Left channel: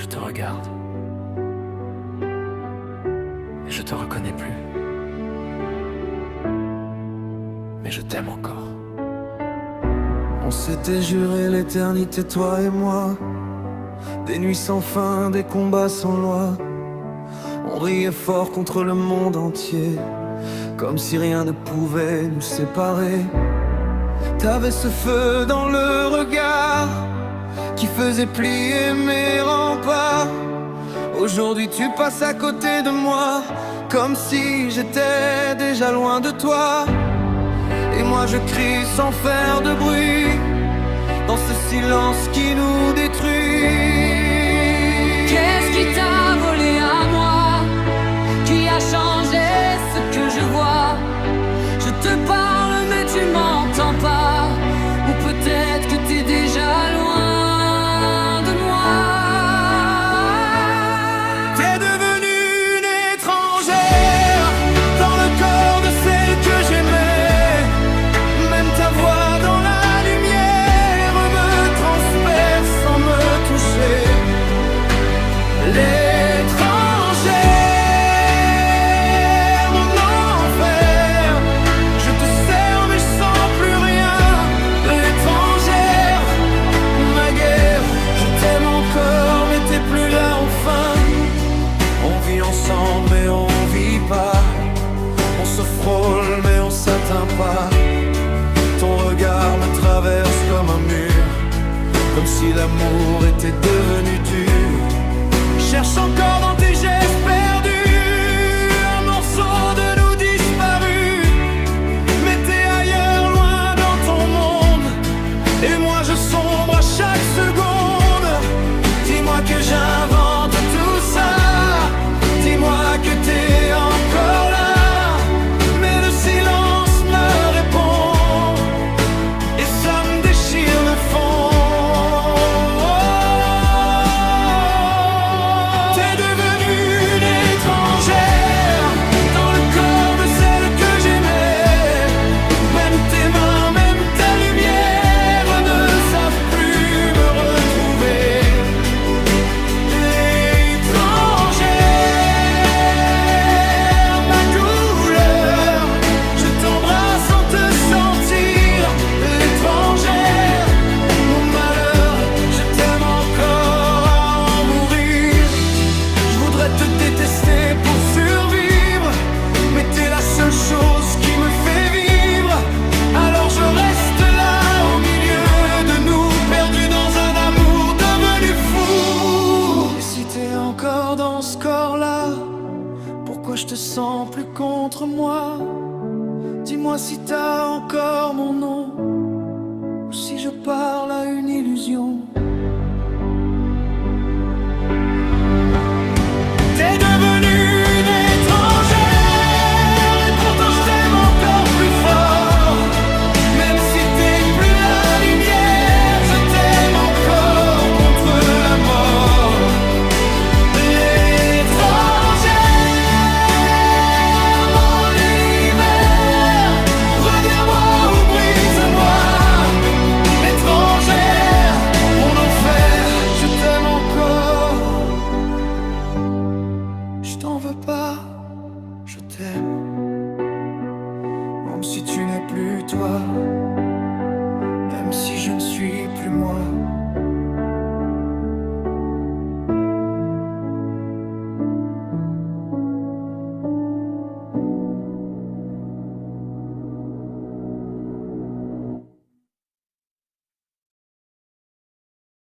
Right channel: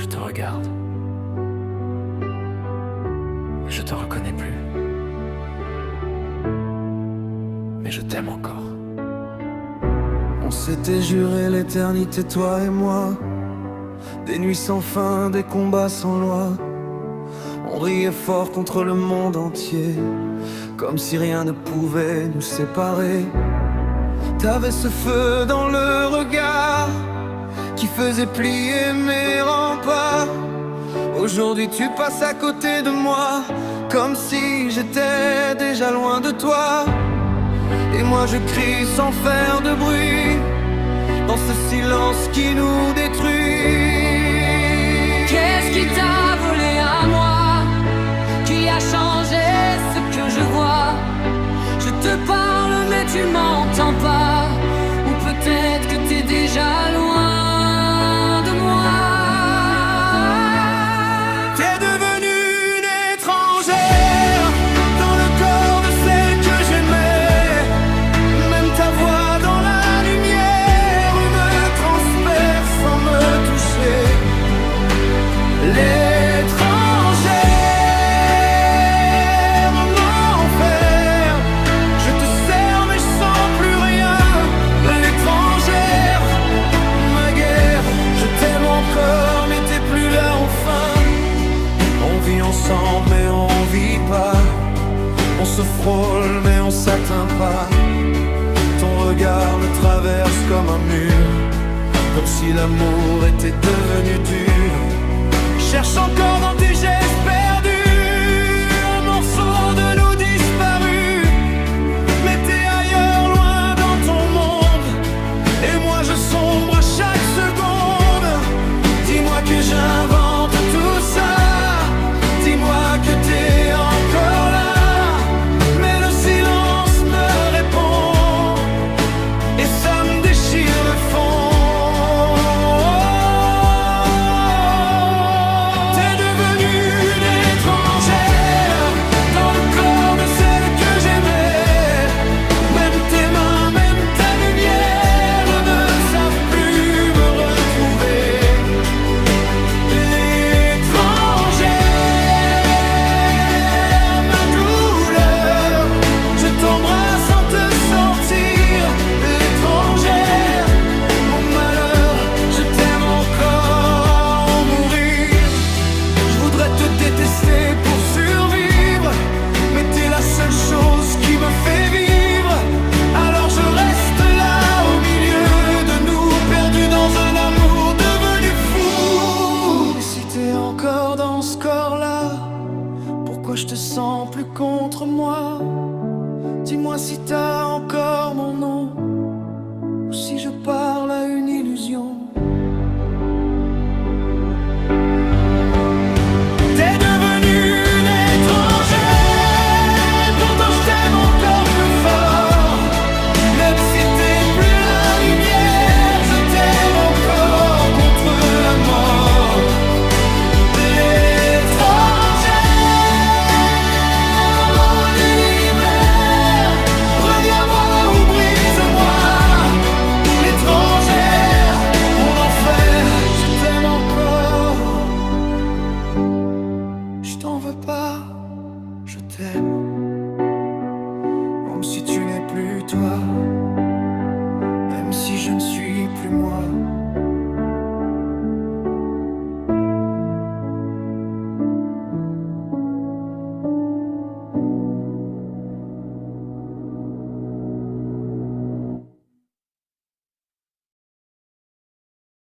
Je te regarde et je te reconnais plus. Mais je t'aime encore. On s'était juré l'éternité, toi et moi. Des nuits sans fin, des combats sans loi. On riait fort contre le monde entier, comme si rien ne pouvait nous séparer. T'avais ce feu dans le regard qui faisait plier mes remparts. Aujourd'hui tu passes à côté de moi, comme si j'étais déjà loin de toi. Et moi je crie sans faire de bruit, dans ce silence qui nous détruit. Qu'est-ce qui t'a volé à moi? Qui a changé ce que je vois? Je te parle mais tu m'entends pas. Ou peut-être que t'es déjà loin de moi. T'es devenue une étrangère dans le corps de celle que j'aimais. Même ta voix dans la lumière me transperce sans me toucher. L'étrangère, mon enfer. Je te sers mais je sens plus rien. L'étrangère, ma guerre. Je t'aime encore mais t'es plus là enfin. On vit ensemble mais on vit pas. On se frôle mais on s'atteint pas. Ton regard me traverse comme un mur, comme si l'amour était devenu dur. Cherche encore dans tes gestes perdus un morceau de nous disparu. Mais t'es ailleurs, loin dans ton monde, et moi je sombre à chaque seconde. Dis-moi que j'invente tout ça, dis-moi que t'es encore là. Mais le silence me répond, et ça me déchire le fond. T'es devenue une étrangère dans le corps de celle que j'aimais. Même tes mains, même ta lumière ne savent plus me retrouver. L'étrangère, ma douleur, je t'embrasse sans te sentir. L'étrangère, mon malheur, je t'aime encore à en mourir. Je voudrais te détester pour survivre, mais t'es la seule chose qui me fait vivre. Alors je reste là au milieu de nous, perdus dans un amour devenu fou. Et si t'es encore dans ce corps-là, pourquoi je te sens plus contre moi? Dis-moi si t'as encore mon nom, ou si je parle à une illusion. T'es devenue une étrangère, et pourtant je t'aime encore plus fort. Même si t'es plus la lumière, je t'aime encore contre la mort. L'étrangère, mon univers, reviens-moi ou brise-moi. L'étrangère, mon enfer, je t'aime encore. Je t'en veux pas, je t'aime. Même si tu n'es plus toi, même si je ne suis plus moi.